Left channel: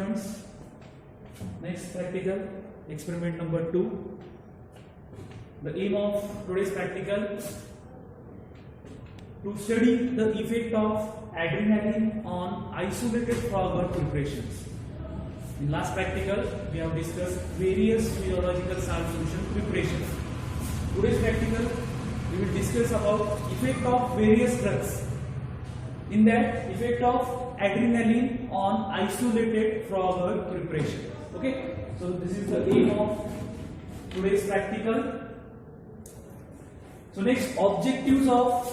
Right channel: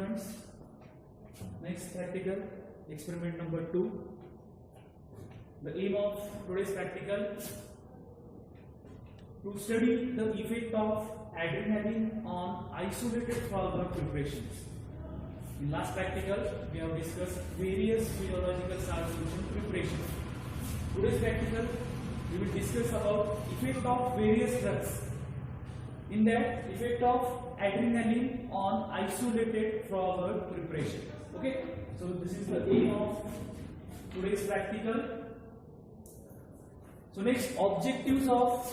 students. Next practical, experiment number 2. The aim of today's practical to study the effect of adrenaline on isolated frog preparations. In last practical, we have discussed various physiological salt solution preparations. Today's practical, we will discuss about effect of various drugs. In that, effect of adrenaline on isolated frog preparation. Okay, so this is the aim of today's practical. So next, objectives of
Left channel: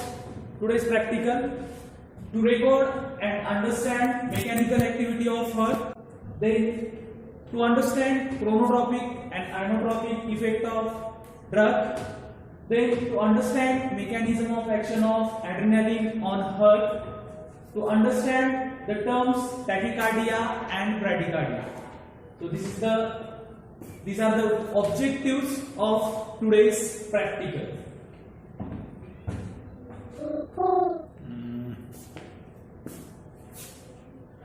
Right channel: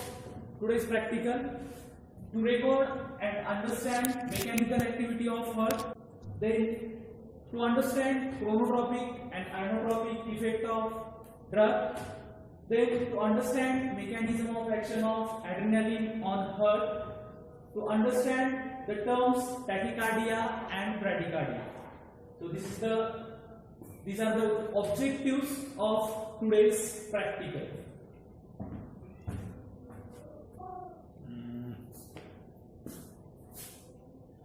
today's practical: to record and understand mechanical activity of heart, then to understand chronotropic and inotropic effect of drug, then to understand mechanism of action of adrenaline on heart, to understand the terms tachycardia and bradycardia. So these are the objectives of today's practical.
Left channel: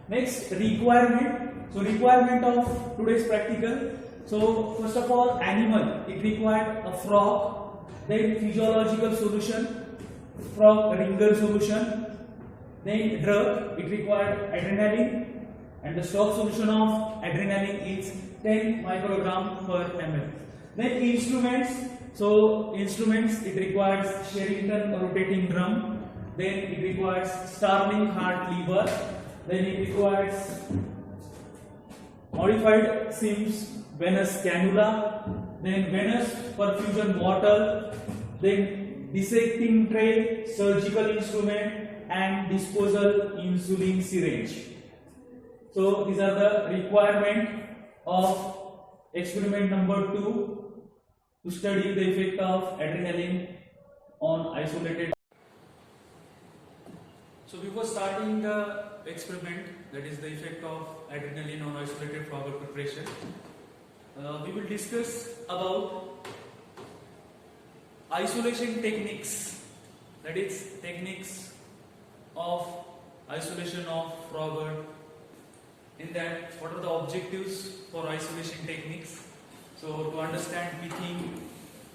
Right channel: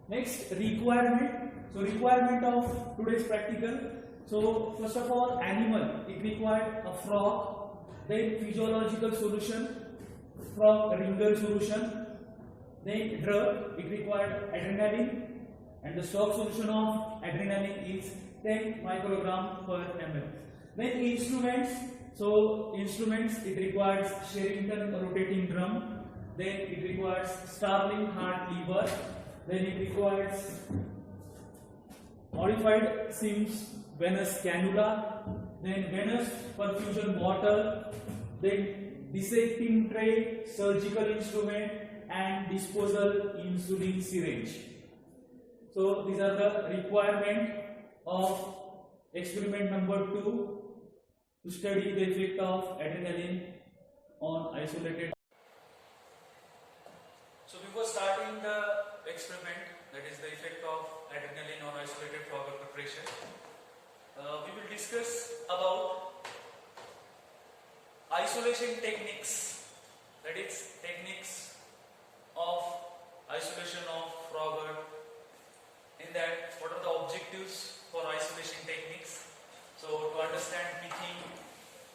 Next, requirement. So requirement of today's practical. So first of all, animal, it required a frog, then physiological solution, frog ringer solution, then drug, it required adrenaline, and the stock solution of adrenaline is 10 microgram per ml. Then instruments. So instruments, it requires Sherrington rotating drum, then it requires Starling heart lever, then it requires modified Sims venous cannula, then venous perfusion bottle, then dissecting tray, surgical instrument, and disposal insulin syringe. So these are the requirement of experiment number 2 to study the effect of adrenaline on isolated. So before starting the experiment, that is the effect of adrenaline on isolated frog preparation, we will discuss about isolation techniques, that is techniques of isolation of frog. In that, what are the objectives for isolation techniques? So to understand picking,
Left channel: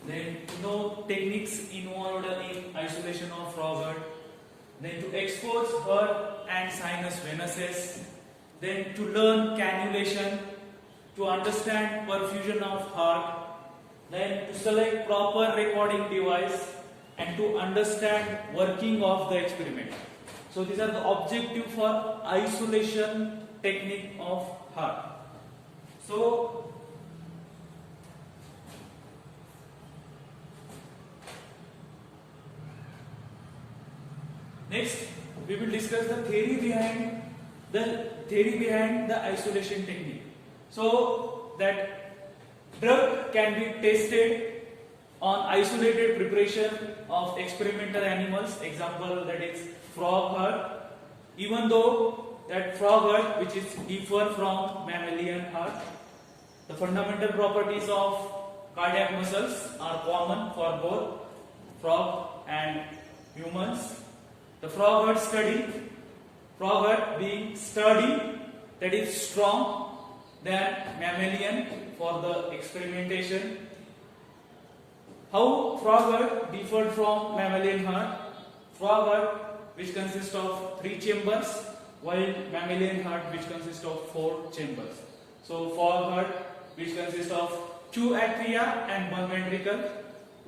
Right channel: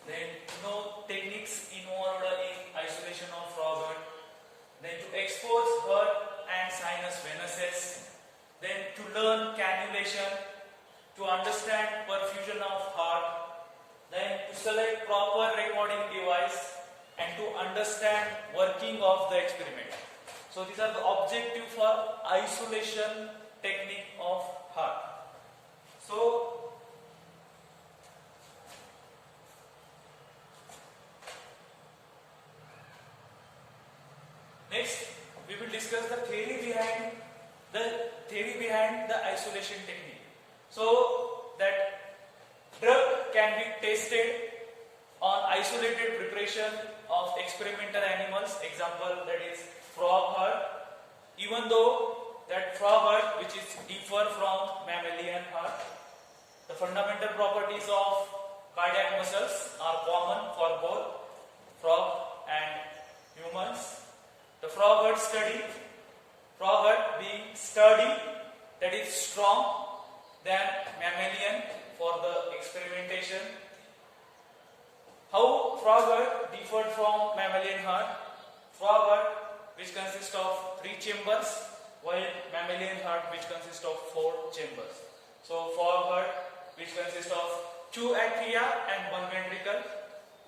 then to know techniques involved in isolation of frog, then to expose heart and sinus venuses, then to learn cannulation, to understand perfusion of heart, then to select proper recording device, and to understand working of the experiment. So these are the objectives for isolation technique of heart. So next, we will discuss the theory behind the isolation technique. So that drug can be tested on isolated preparation of experimental animals. Example, that is frog heart. Even though that frog heart, which is differ from mammalian heart, the fundamental properties of cardiac muscles are common for both frog and humans. The frog heart being sturdy, that is strong than mammalian for the experimentation. How frog heart differed from mammalian heart? Frog heart, which consists of 3 chambers, while mammalian heart, which consists of 4 chambers. So frog heart, which consists of 2 atria and 1 ventricle,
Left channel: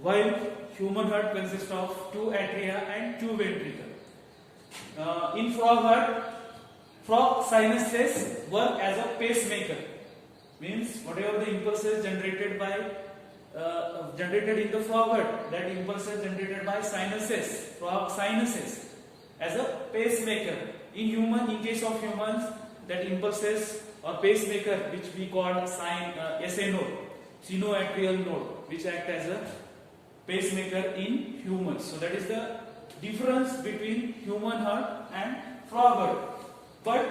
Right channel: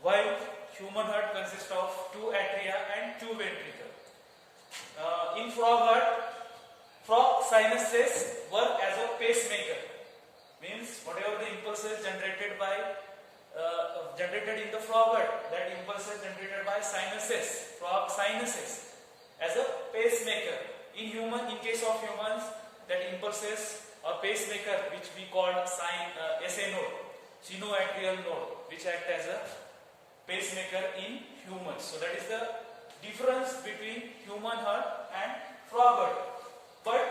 while human heart consists of 2 atria and 2 ventricle. In frog heart, frog sinuses work as a pacemaker. Means whatever the impulses generated in the frog heart, that impulses generated by sinuses, frog sinuses, as a pacemaker. In case of humans, that impulses or pacemaker, which we call SA node, sinoatrial node, which act as a pacemaker in humans. So that is the difference between human heart and frog heart. But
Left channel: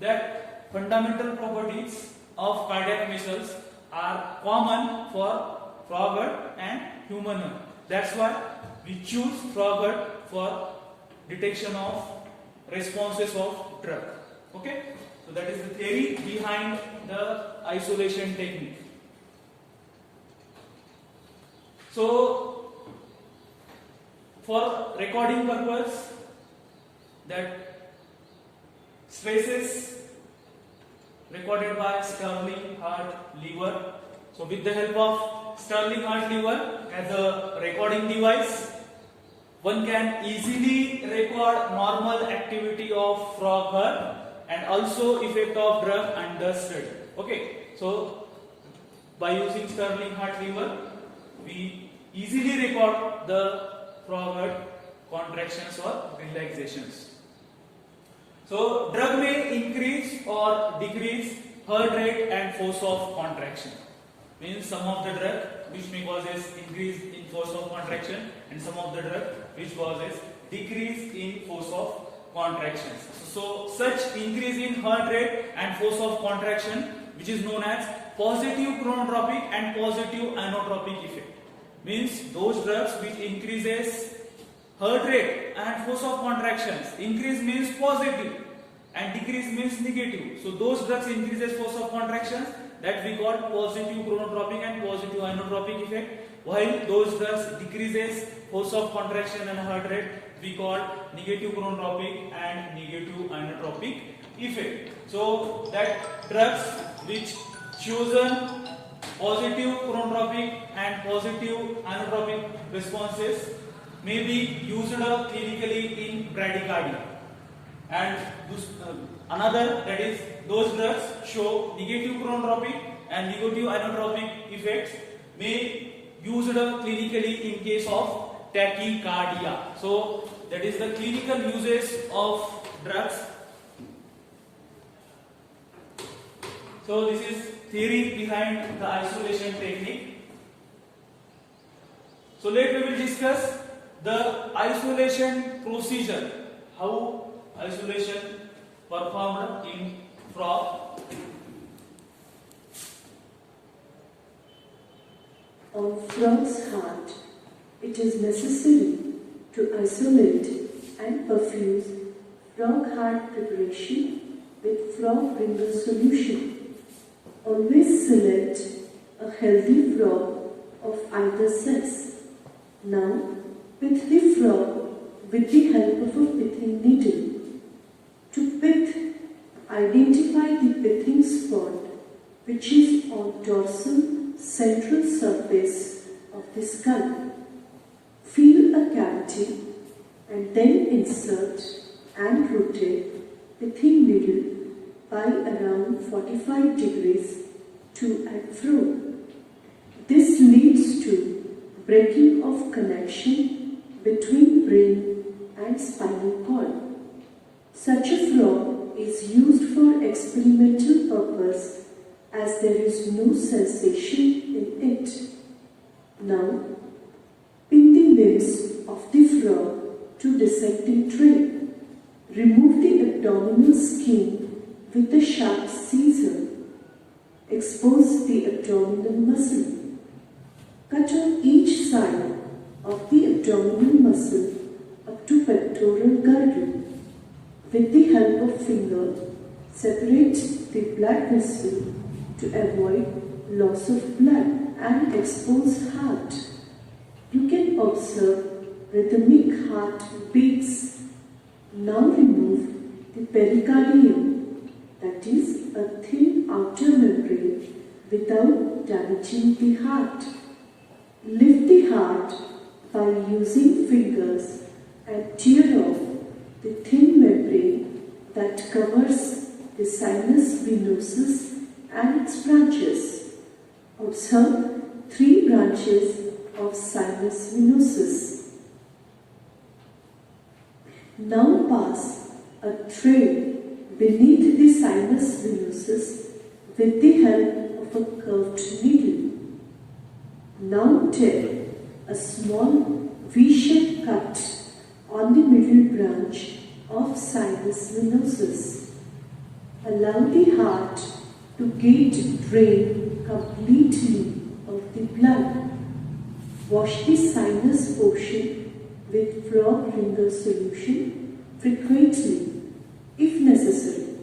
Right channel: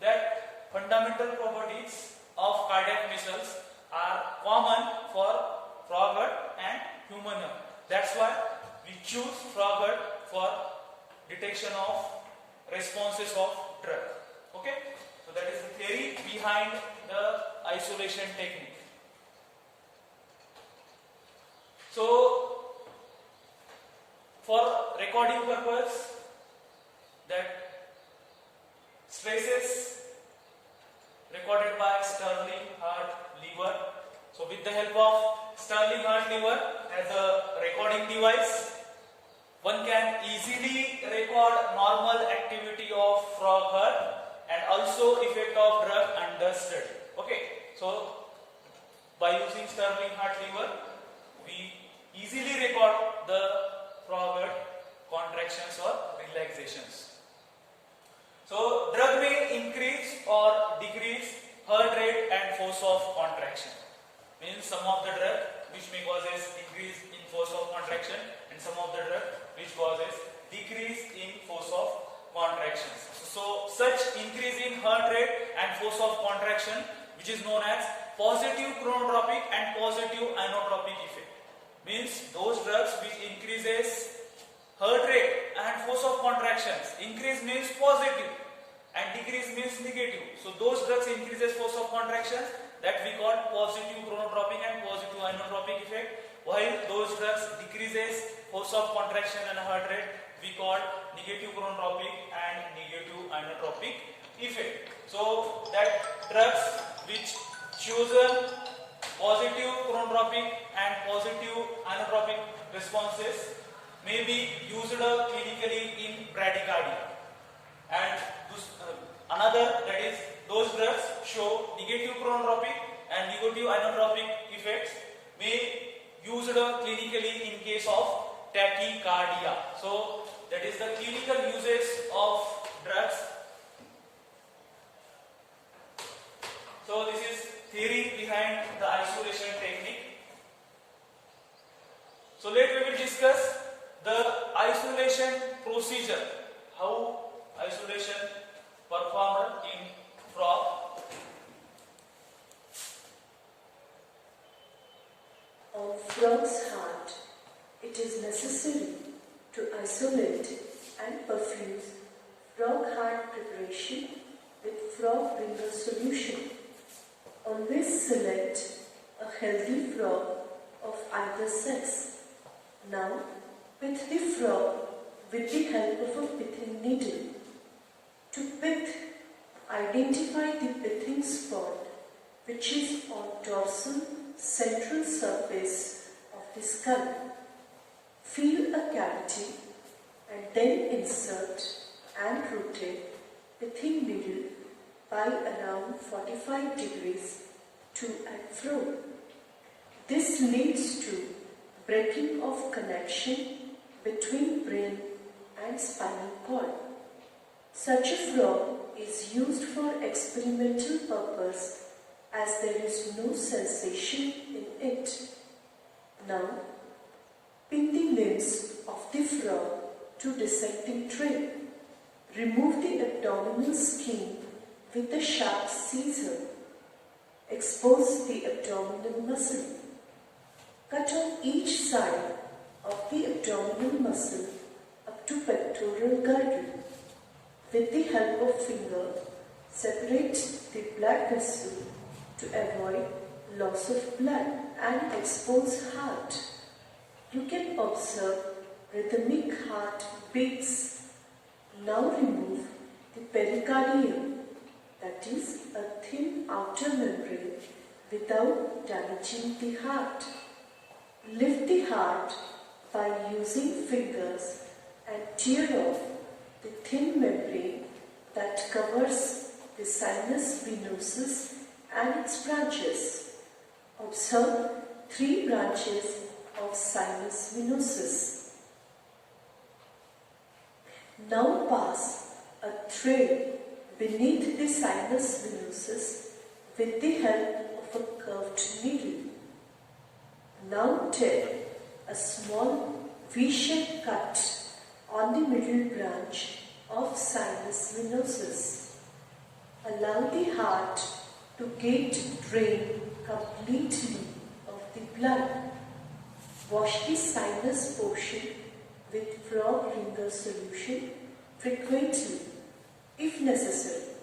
that fundamental properties of cardiac muscles are common for frog heart and human heart. That's why we choose frog heart for detection of responses of drug. Okay, So that is the theory behind the isolation technique. So for recording purpose, that stresses recorded by Stirling heart lever. So with the help of Stirling heart lever as a recording device, one can easily record normal activity of frog heart and also effect of drug under study. Okay, so by using Stirling heart lever, we easily record the frog heart contractions or relaxations. So drug may increase or decrease heart rate and force of contraction. Means some of the drug which may causes increase in force of contraction and some of the drug which causes decrease in force of contractions. So such increase in heart rate and force of contraction, which is known as positive chronotropic and positive inotropic effect. Means those drugs which increases heart rate and force of contractions. Increase means positive and decrease means negative. So those drugs increases force of contractions, that we call positive chronotropic and positive inotropic effect, while those drugs decreases force of contraction and heart rate, we call negative chronotropic and negative inotropic effect. So that drugs which chosen positive chronotropic and positive inotropic responses may be used clinically in bradycardia, and another, that is those drugs show negative chronotropic and negative inotropic effects may used clinically in case of tachycardia. So that is the clinical uses of drugs. So this is theory behind the isolation technique. So let we will discuss the isolation procedure, how isolation performed in frog. On frog's heart, it is necessary to isolate and perfuse frog heart preparation with frog ringer solution. Always select a healthy frog of either sex. Now, pith the frog with the help of a pithing needle. To pith, identify the pithing spot which is on dorsal central surface of the skull. Feel a cavity and then insert and rotate pithing needle by around 45 degrees to and fro. This leads to breaking of connection between brain and spinal cord. Such a frog is used for experimental purpose as there is no sensation in it. Now, pin the limbs of the frog to dissecting tray. Remove the abdominal skin with a sharp scissor. Expose the abdominal muscle. Cut on each side of the abdominal muscle up to pectoral girdle. With the help of finger, separate the blood vessel to avoid loss of blood and expose heart. You can observe rhythmic heart beats. Now remove the pericardium, that is a thin outer membrane, without damaging the heart. Lift the heart by using fingers and tear off the thin membrane that covers the sinus venosus and its branches. Observe 3 branches of sinus venosus. Now pass a thread beneath the sinus venosus with the help of a curved needle. Now tear a small V-shaped cut on the middle branch of sinus venosus. Allow the heart to get drain completely of the blood. Wash the sinus portion with frog ringer solution frequently if necessary.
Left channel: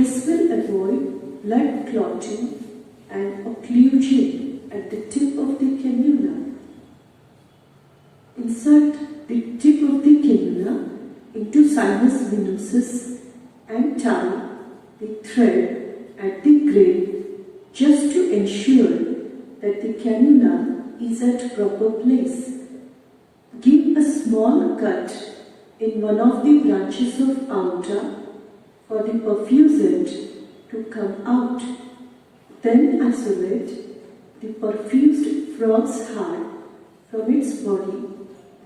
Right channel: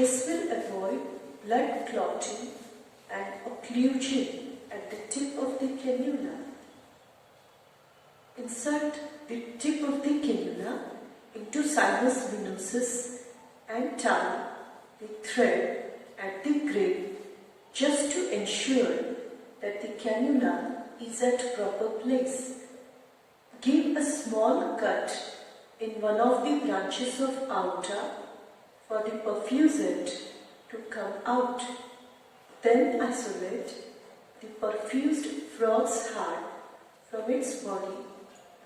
This will avoid blood clotting and occlusion at the tip of the cannula. Insert the tip of the cannula into sinus venosus and tie the thread at the grid just to ensure that the cannula is at proper place. Give a small cut in one of the branches of aorta for the perfusant to come out. Then isolate the perfused frog's heart from its body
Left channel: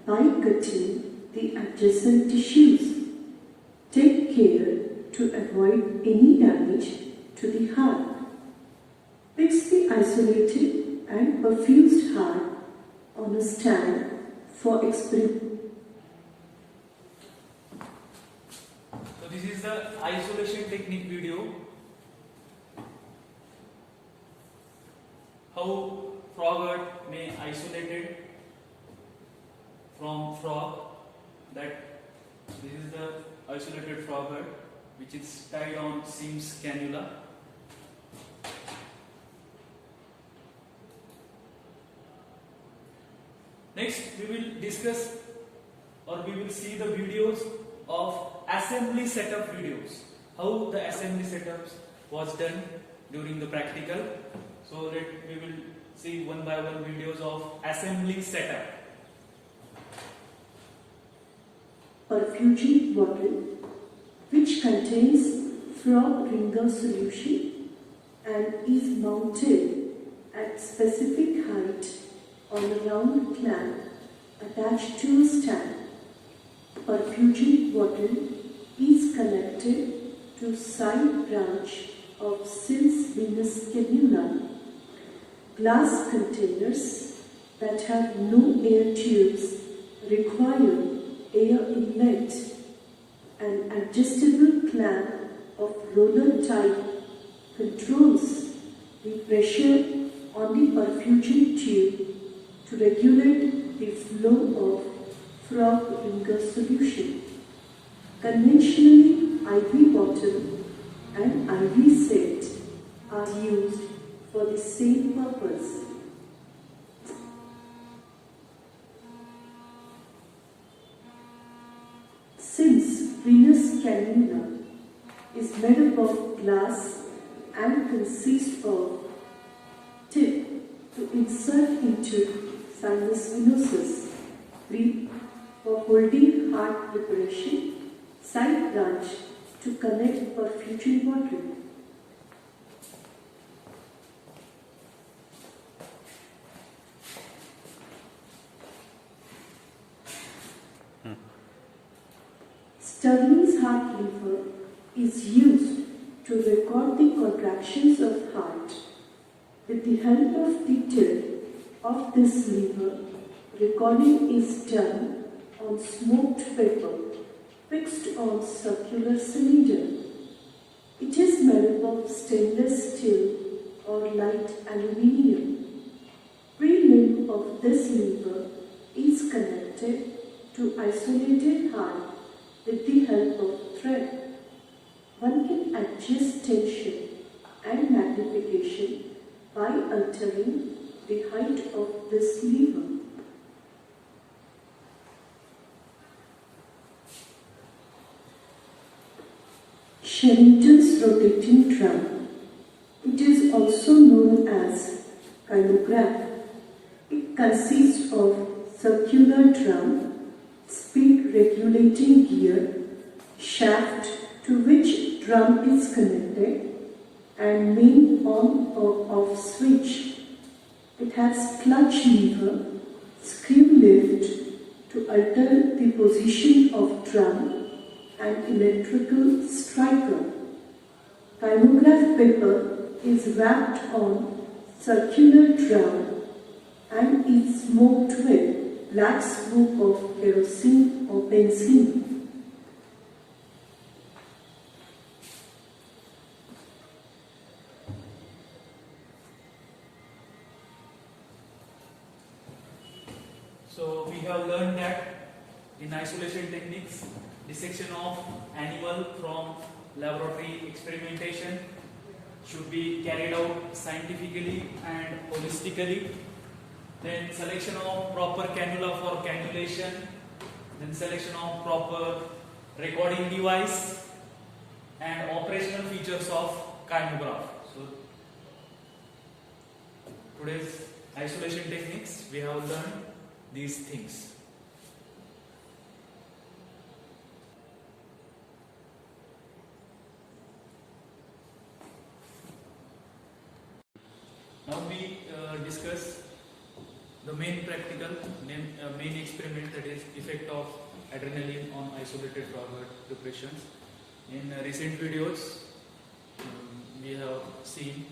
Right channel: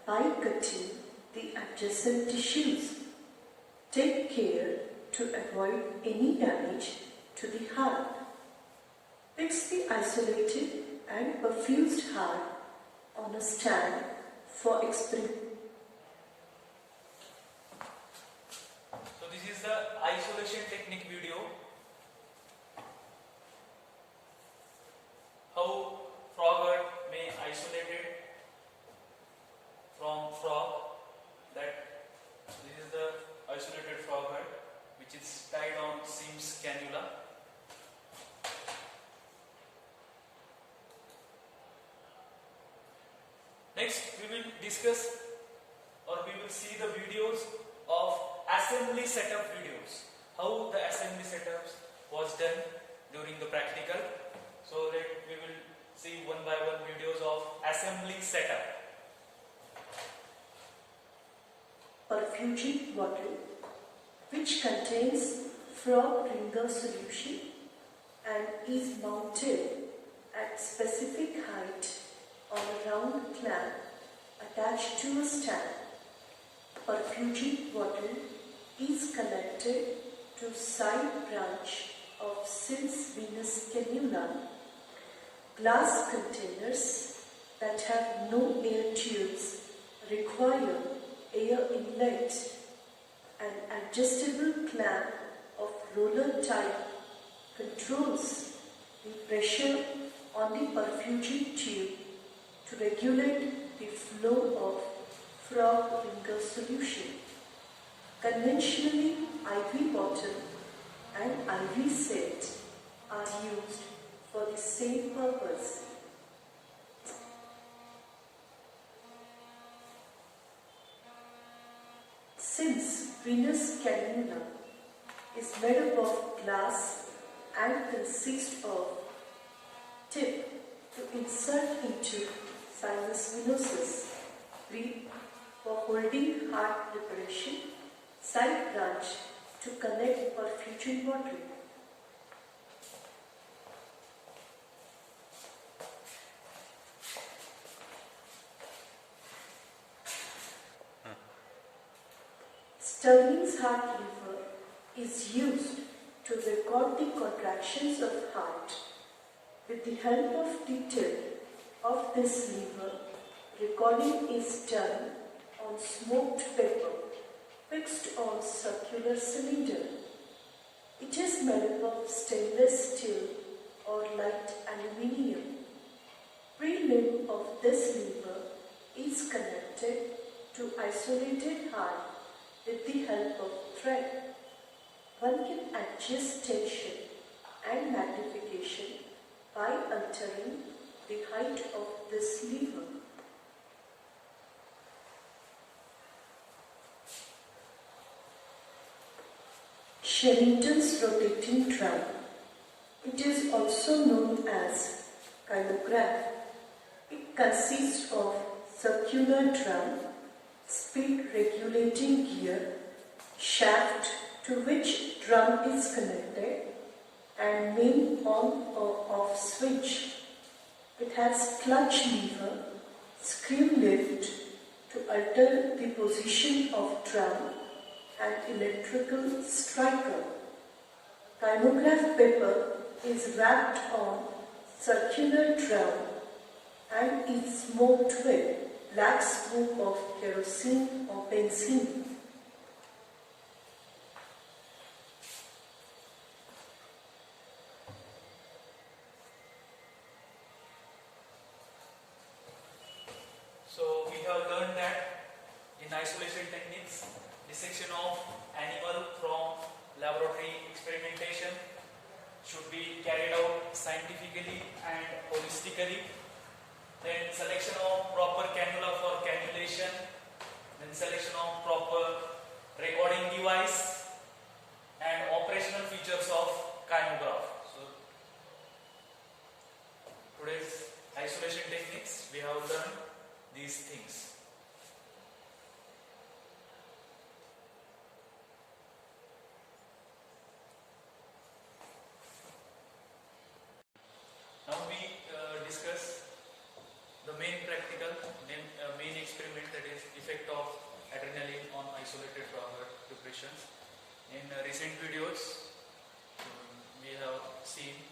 by cutting the adjacent tissues. Take care to avoid any damage to the heart. Fix the isolated and perfused heart on a stand for experiment. So this is the isolation technique video. How froglet may isolated from frog. That this is the isolated froglet which is tied on Sims cannula. Next we will discuss or we will see the videos of assembly setup videos. How the assembly setup was done during the practical. So that we will see one by one videos of assembly setup. Perfusing bottle which contains frog ringer solution and is mounted at specific height on a round clamp attached to a stand. Perfusing bottle is connected to side branch of Sims venous cannula. Glass containers that have no air tubes require air inlet. An adjustable clamp of roller type controls the pressure on the perfusing tube to regulate the flow of frog ringer solution. Conventionally, IV bottle and IV set are used for the same purpose. Since venous cannula is made up of glass and consists of tip to insert into sinus venosus, rib for holding heart preparation, side branch to connect perfusing bottle. Stirling's heart lever is used to record the contractions of heart. With the help of the tip of this lever, recording is done on smoked paper fixed on circular cylinder. It is made up of stainless steel or light aluminium. Pre-limb of this lever is connected to isolated heart with the help of thread. One can adjust tension and magnification by altering the height of this lever. Sherrington's rotating drum. It is also known as kylograph. It consists of circular drum, speed regulating gear, shaft to which drum is connected, and main on or off switch. It has clutch lever, screw lift to alter the position of drum, and electrical striker. Kylograph paper is wrapped on circular drum and is smoked with black smoke of kerosene or benzene. So we have learned that in isolation techniques, dissection of animal from laboratory experimentation should be carried out scientifically and holistically. Then selection of proper cannula for cannulation. Then selection of proper recording device and operational features of kymograph. So today's isolation techniques, we have learned these things. Now we discuss the main practical, main experiment, that is effect of adrenaline on isolated froglet preparations. In recent videos, we have seen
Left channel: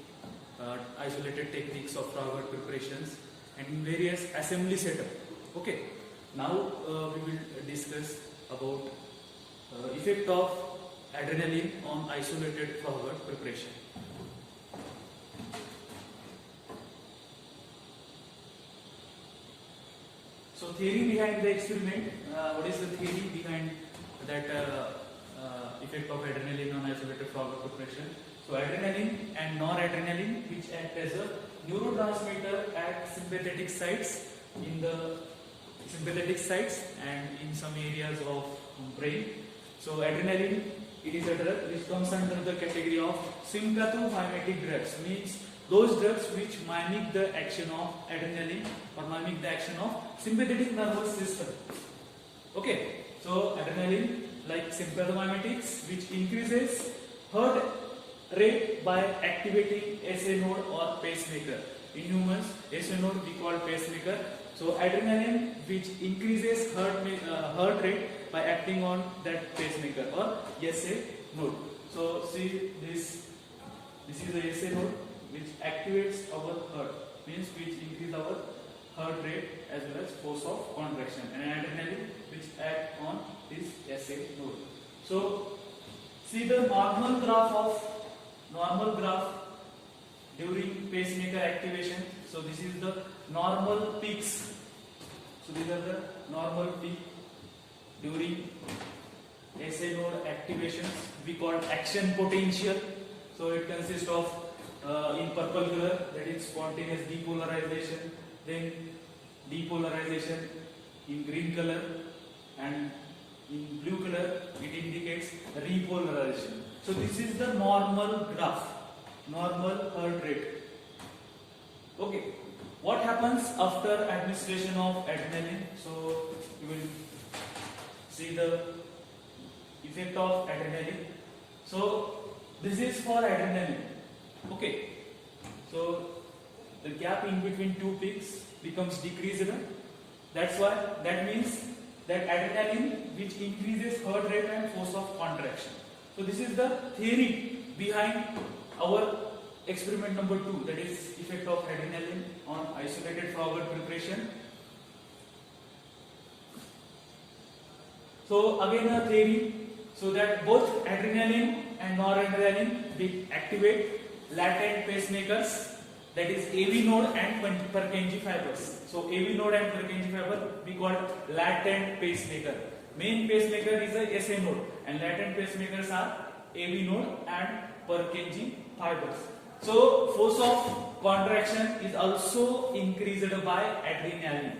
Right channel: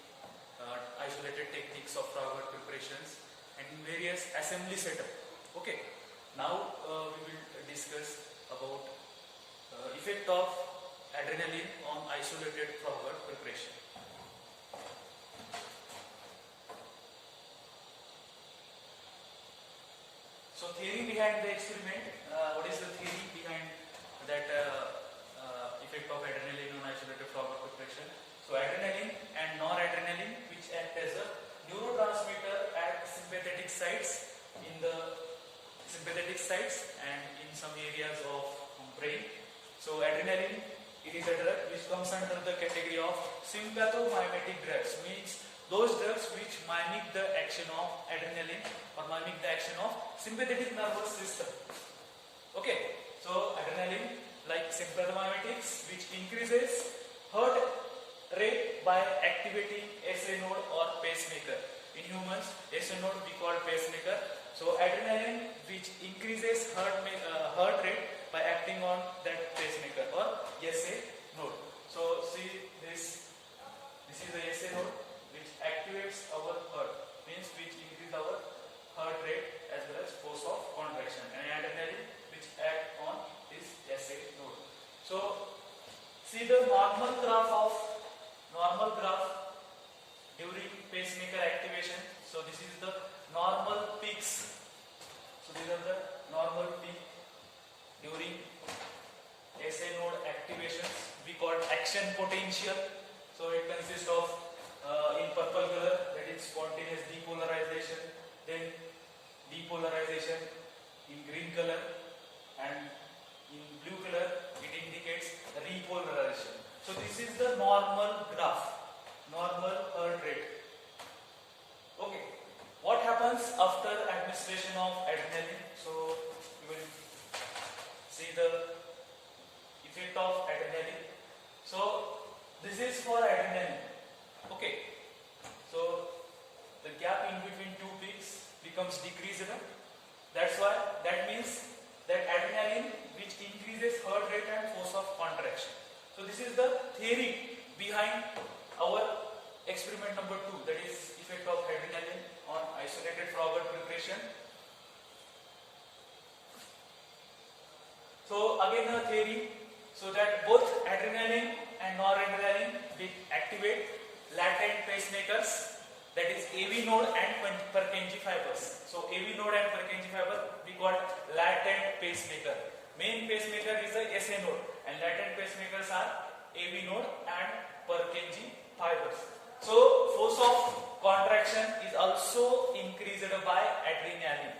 isolated techniques of froglet preparations and in various assembly setup. Okay, now we will discuss about effect of adrenaline on isolated froglet preparation. So theory behind the experiment, what is the theory behind that effect of adrenaline on isolated froglet preparation? So adrenaline and noradrenaline, which act as a neurotransmitter at sympathetic sites and in some areas of brain. So adrenaline, it is a drug which comes under the category of sympathomimetic drugs, means those drugs which mimic the action of adrenaline or mimic the action of sympathetic nervous system. Okay, so adrenaline, like sympathomimetics, which increases heart rate by activating SA node or pacemaker. In humans, SA node we call pacemaker. So adrenaline, which increases heart rate by acting on that pacemaker or SA node. So see this is the SA node which activates our heart, means which increase our heart rate as well as force of contraction, and adrenaline which act on this SA node. So see the normal graph during pacemaker activation. So this is the normal peaks. So these are the normal peak during SA node activations. We call action potential. So it consists of in purple color, that is spontaneous depolarization, then depolarization in green color, and in blue color it indicates repolarization. So this is the normal graph, normal heart rate. Okay, what happens after administration of adrenaline? So you will see the effect of adrenaline. So this is for adrenaline. Okay, so the gap in between two peaks becomes decreased. That means that adrenaline which increases heart rate and force of contraction. So this is the theory behind our experiment number 2, that is effect of adrenaline on isolated froglet preparation. So again a theory, so that both adrenaline and noradrenaline will activate latent pacemakers, that is AV node and Purkinje fibers. So AV node and Purkinje fiber we call latent pacemaker. Main pacemaker is the SA node and latent pacemakers are AV node and Purkinje fibers. So force of contraction is also increased by adrenaline.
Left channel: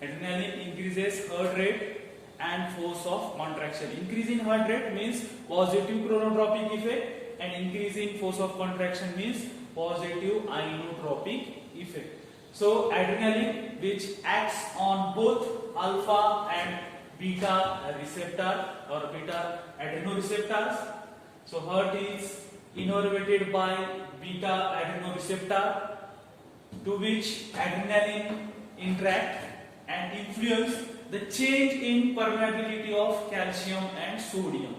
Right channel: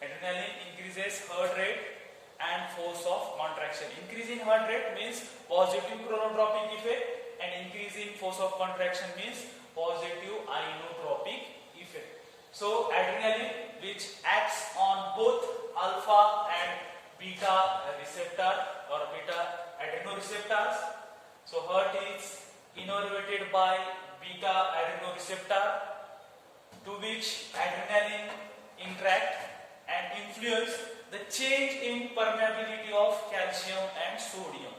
Adrenaline increases heart rate and force of contraction. Increasing heart rate means positive chronotropic effect, and increasing force of contraction means positive inotropic effect. So adrenaline, which acts on both alpha and beta receptor or beta adrenoreceptors. So heart is innervated by beta adrenoreceptor, to which adrenaline interact and influence the change in permeability of calcium and sodium.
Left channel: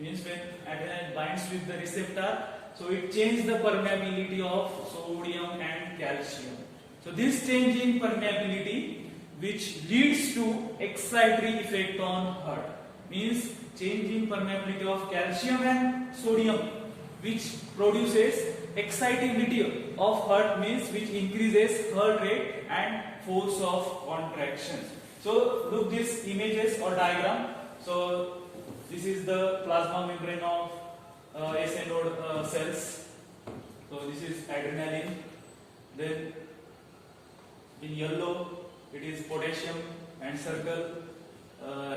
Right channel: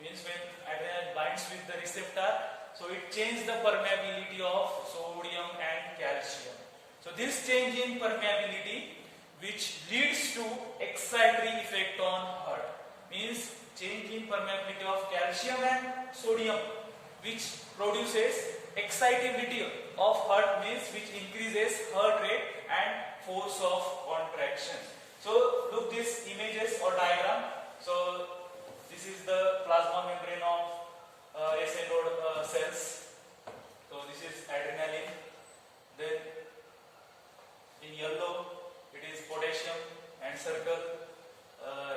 Means when adrenaline binds with the receptor, so it changes the permeability of sodium and calcium. So this change in permeability, which leads to excitatory effect on heart, means change in permeability of calcium and sodium, which produces excitability of heart, means which increases heart rate and force of contraction. So look these images or diagram. So This is the plasma membrane of SA node cells. So this is adrenaline. Then in yellow it is potassium and circle,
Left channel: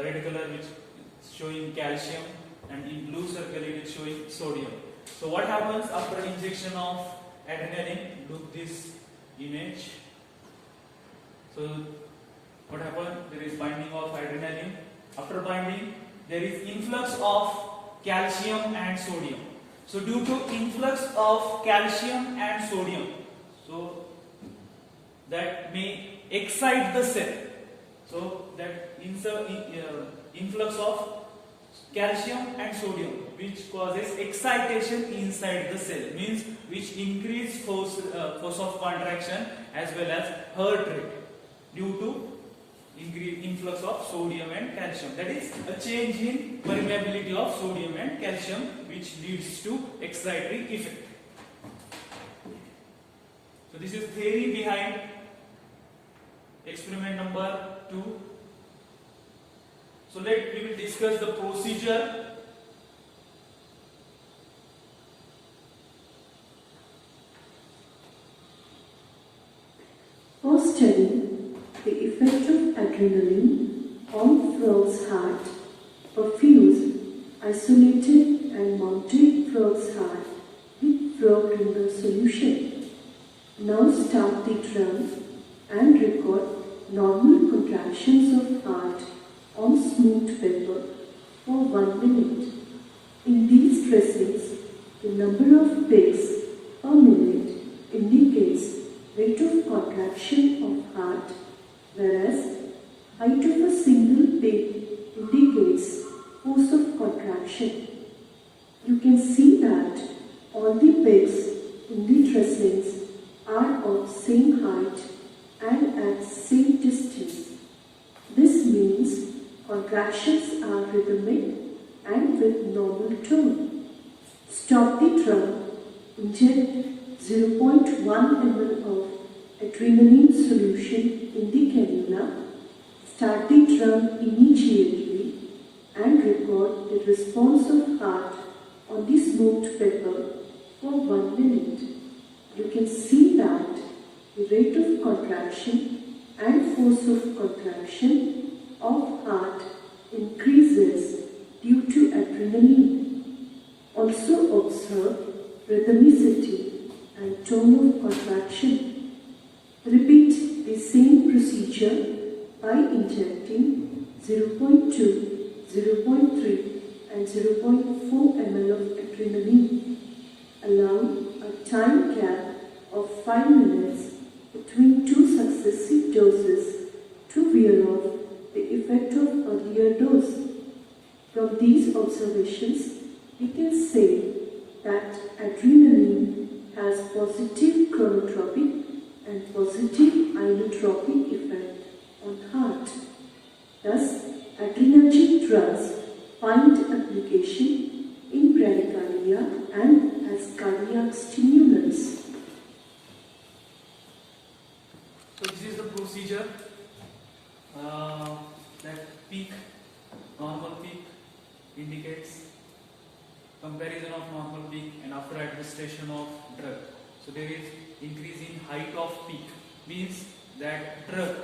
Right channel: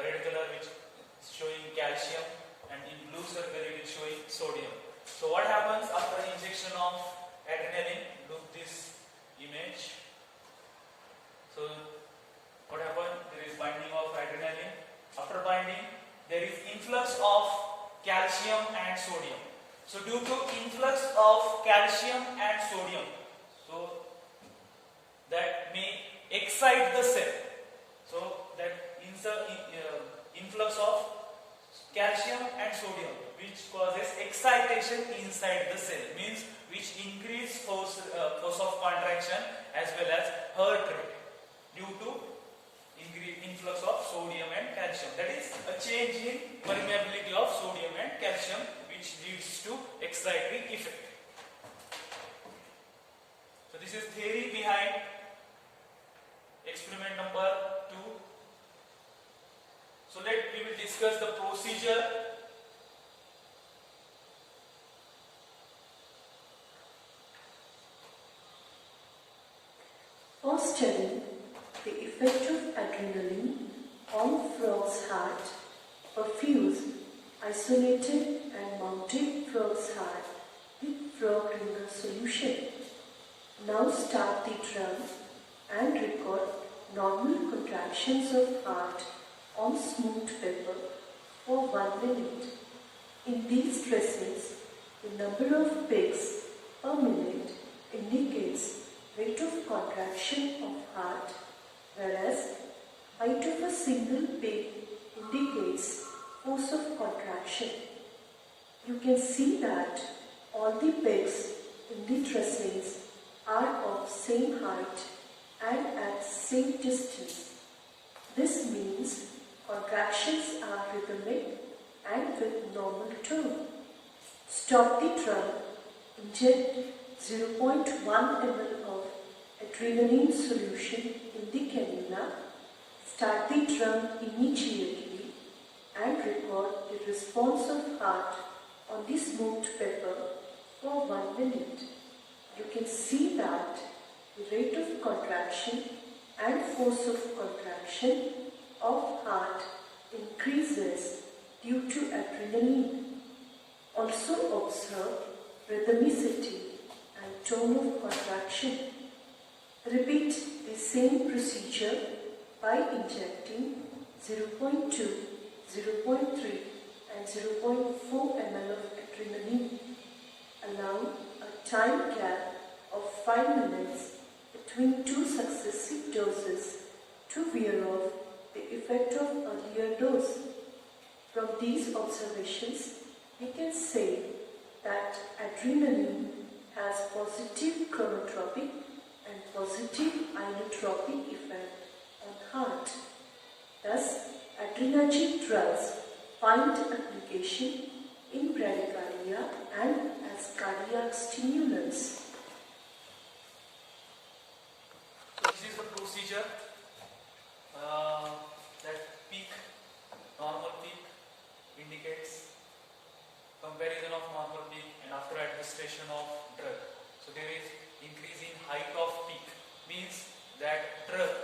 red color which is showing calcium, and in blue circle it is showing sodium. So what happens after injection of adrenaline? Look this image. So what happens? There is binding of adrenaline. After binding, there is influx of calcium and sodium. So due to influx of calcium and sodium, so that may excite the cell. So that influx of calcium and sodium which causes excitation inside the cell, means which increase force of contraction as well as heart rate due to influx of sodium and calcium. That is a change in permeability of sodium and calcium which leads to excitatory effect. So this is theory behind experiment number 2. So we will discuss the procedure. For studying the effect of adrenaline on frog's heart, perfuse isolated and mounted frog's heart with frog ringer solution. Now start the drum and record normal contractions of heart on smooth paper for 1 minute. In these tracings, the number of beats per minute indicates rate of contraction of heart, whereas height of a single beat indicates force of contraction. You can see that all the pegs in the tracings are of same height and at same distance. This means contractions are rhythmic and with normal tone. Stop the drum, inject 0.1 ml of adrenaline solution in the cannula, start the drum immediately and record the response of heart on the smoked paper for 1 minute. You can see that the rate of contraction and force of contraction of heart increases due to adrenaline. Also observe rhythmicity and tone of contraction. Repeat the same procedure by injecting 0.2, 0.3 and 0.4 ml of adrenaline. Allow a time gap of 5 minutes between two successive doses to wear off the effect of earlier dose. From these observations, we can say that adrenaline has positive chronotropic and positive inotropic effect on heart. Thus, adrenergic drugs find application in bradycardia and as cardiac stimulants. So this is the procedure. That peak, normal peak indicates comparison of normal peak and after administration of drug. So there is increase in height of peak, means that drug,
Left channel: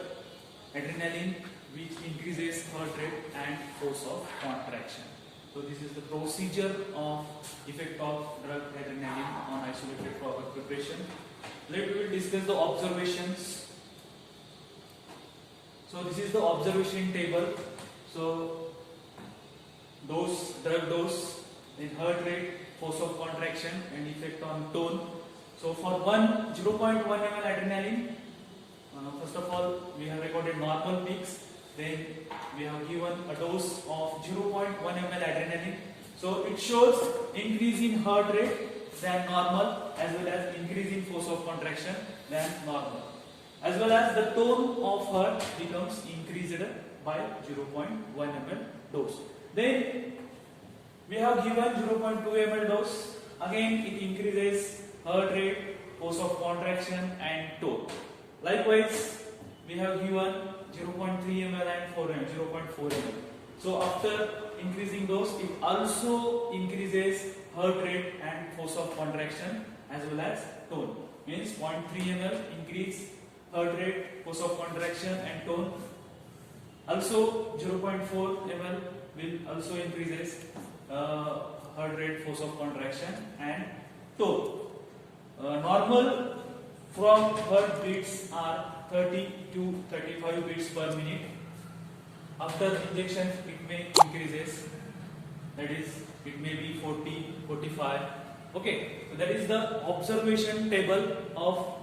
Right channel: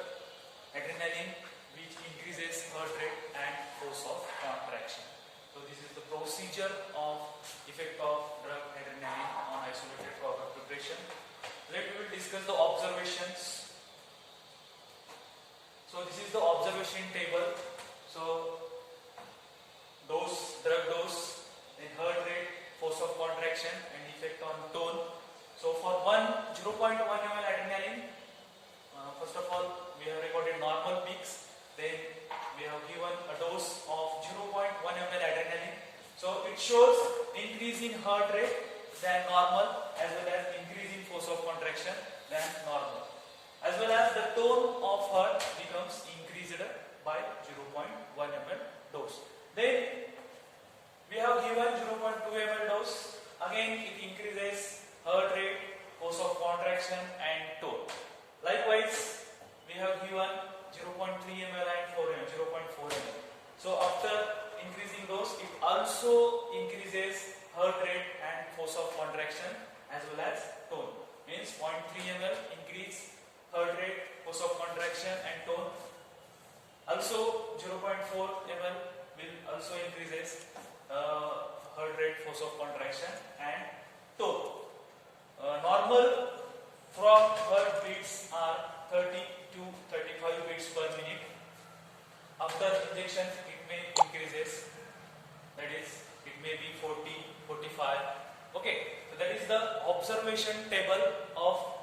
adrenaline, which increases heart rate and force of contraction. So this is the procedure of effect of drug adrenaline on isolated frog preparation. Let we will discuss the observations. So this is the observation table. So dose, drug dose, then heart rate, force of contraction and effect on tone. So for 0.1 ml adrenaline, first of all we have recorded normal peaks. Then we have given a dose of 0.1 ml adrenaline. So it shows increase in heart rate than normal as well as increase in force of contraction than normal. As well as the tone of heart becomes increased by 0.1 ml dose. Then we have given 0.2 ml dose. Again it increases heart rate, force of contraction and tone. Likewise we have given 0.3 ml and 0.4 ml. So after increasing dose, it also increases heart rate and force of contraction as well as tone. Means 0.3 ml increase heart rate, force of contraction and tone. Also 0.4 ml will also increases heart rate, force of contraction and tone. Normal frog heart beats are 30 to 35 beats per minute. After injection, it may increases. That is, it may be 40, 45. Okay, so that is the observation table of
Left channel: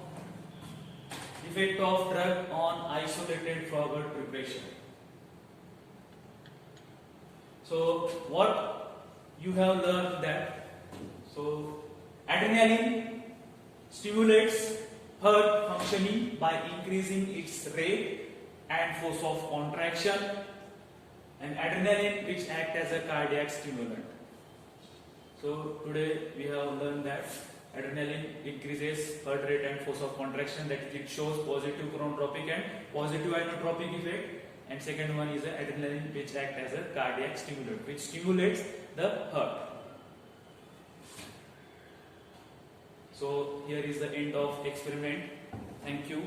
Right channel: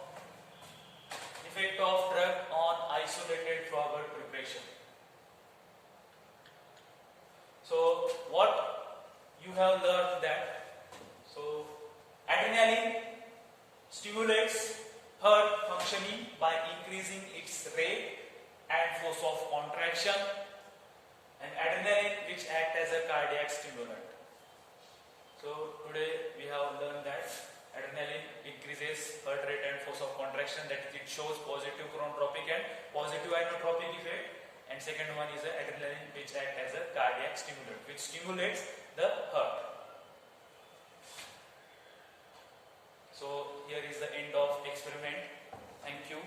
effect of drug on isolated frog heart preparation. So what you have learned that, so adrenaline stimulates heart functioning by increasing its rate and force of contraction, and adrenaline which act as a cardiac stimulant. So today we have learned that adrenaline increases heart rate and force of contraction, that is, it shows positive chronotropic and positive inotropic effect, and second one is the adrenaline which act as a cardiac stimulant which stimulates the heart. So here is the end of experiment. Thank you.